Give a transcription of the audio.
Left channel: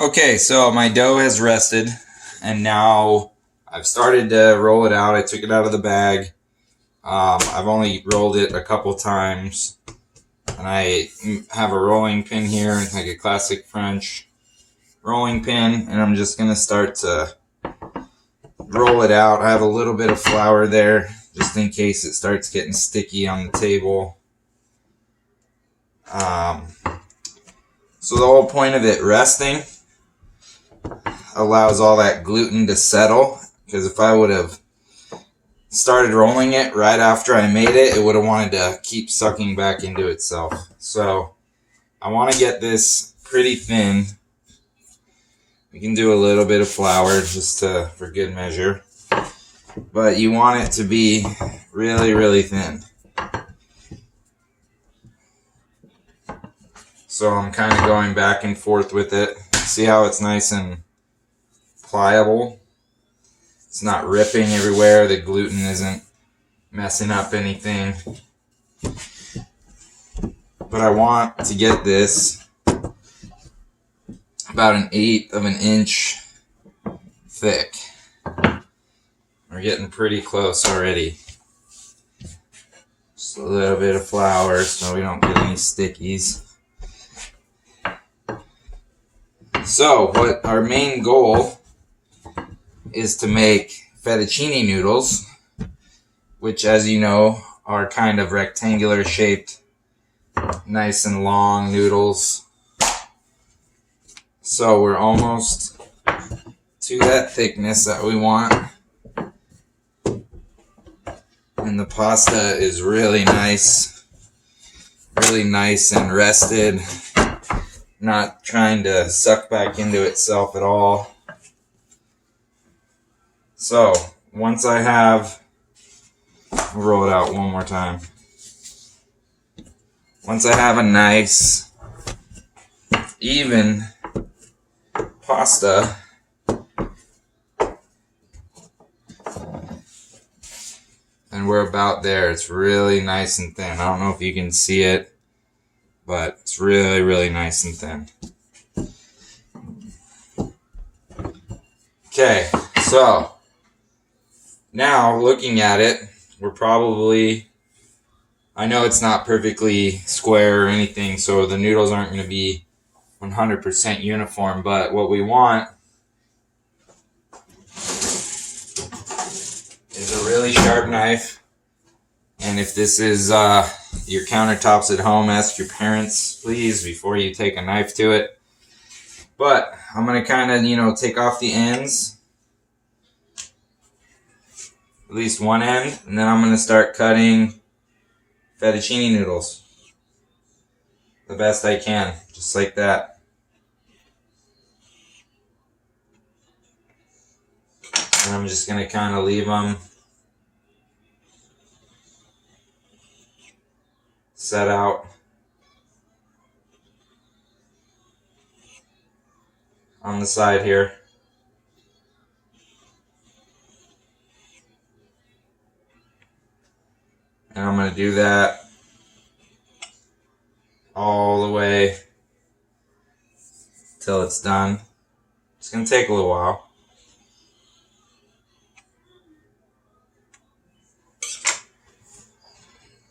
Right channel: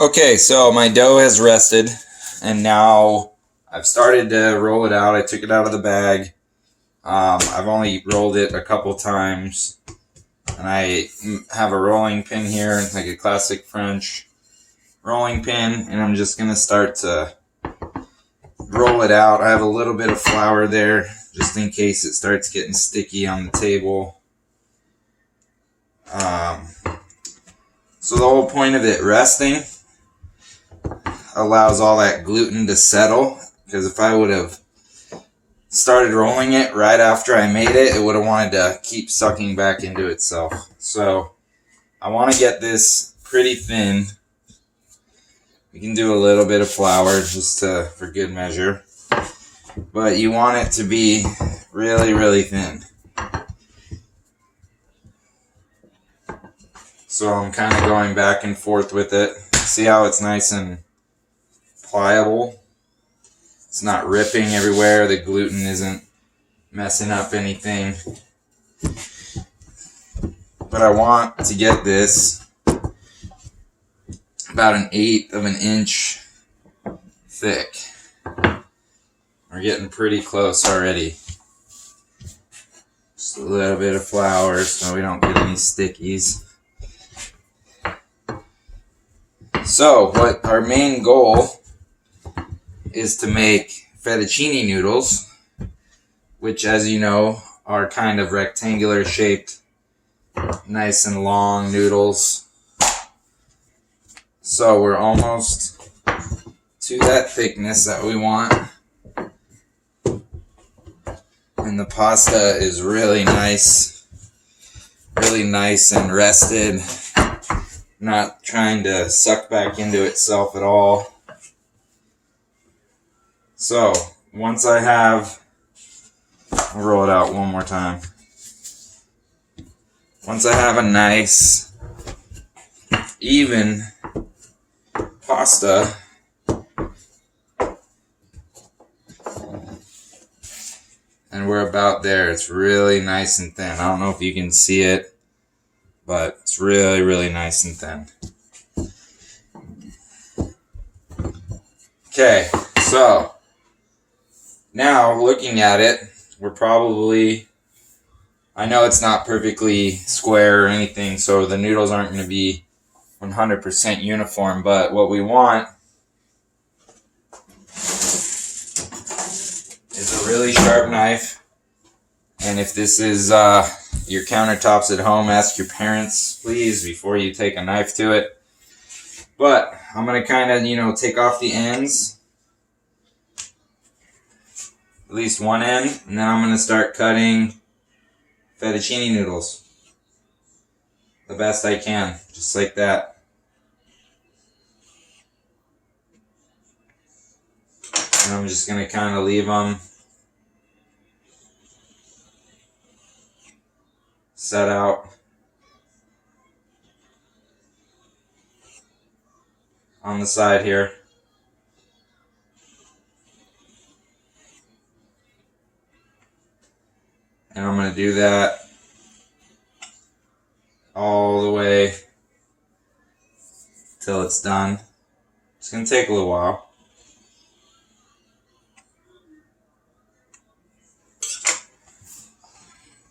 Okay, so my dough has rested, and now I've started to roll it out. I took it out of the bag. I've only rolled it a couple times, and I have a rolling pin here, like a classic French rolling pin, and I'm just going to start to roll it out. I have a little bit of flour there, just in case it starts getting sticky on the table. So the whole point of it resting allows all that gluten to settle, because if I would have started rolling it right after I made it, it would have wanted to keep sucking back into itself. So I want to get this pretty thin. We can do a little bit of flour just for good measure, but you want it to be really, really thin. So I'm kind of going back and forth with it. See how it's nice and pliable? It's not ripping everywhere. The gluten isn't messing up anything. But I want to get this about 1/8 of an inch thick. We're getting pretty close already. Just a little bit of flour so we don't get any stickies. So what our main goal is to make fettuccine noodles, which, as you know, are kind of rectangular shaped, nice and long noodles. So we're almost to that thickness that we want. And the pasta is really nice and rested, not trying to suck back into itself at all. So once I have, I'll roll it out one more time. Once I have a nice, even pasta, and we're about there. It's really nice and thin. I don't know if you can see it, but it's really, really nice and thin. Okay, so now looking at it, we're probably, I know it's not perfectly square or anything, so the noodles aren't going to be 100% uniform, but what we want is a really sharp knife. And if this is your countertops at home, ask your parents, please, before you take a knife to it. But I'm going to kind of, take off the ends, at least one end, and then I'm going to start cutting fettuccine noodles the best I can, just like that. And I'm just going to kind of leave them set out on the side here. And I'm going to do that all the way till it's done. It's going to take a little while.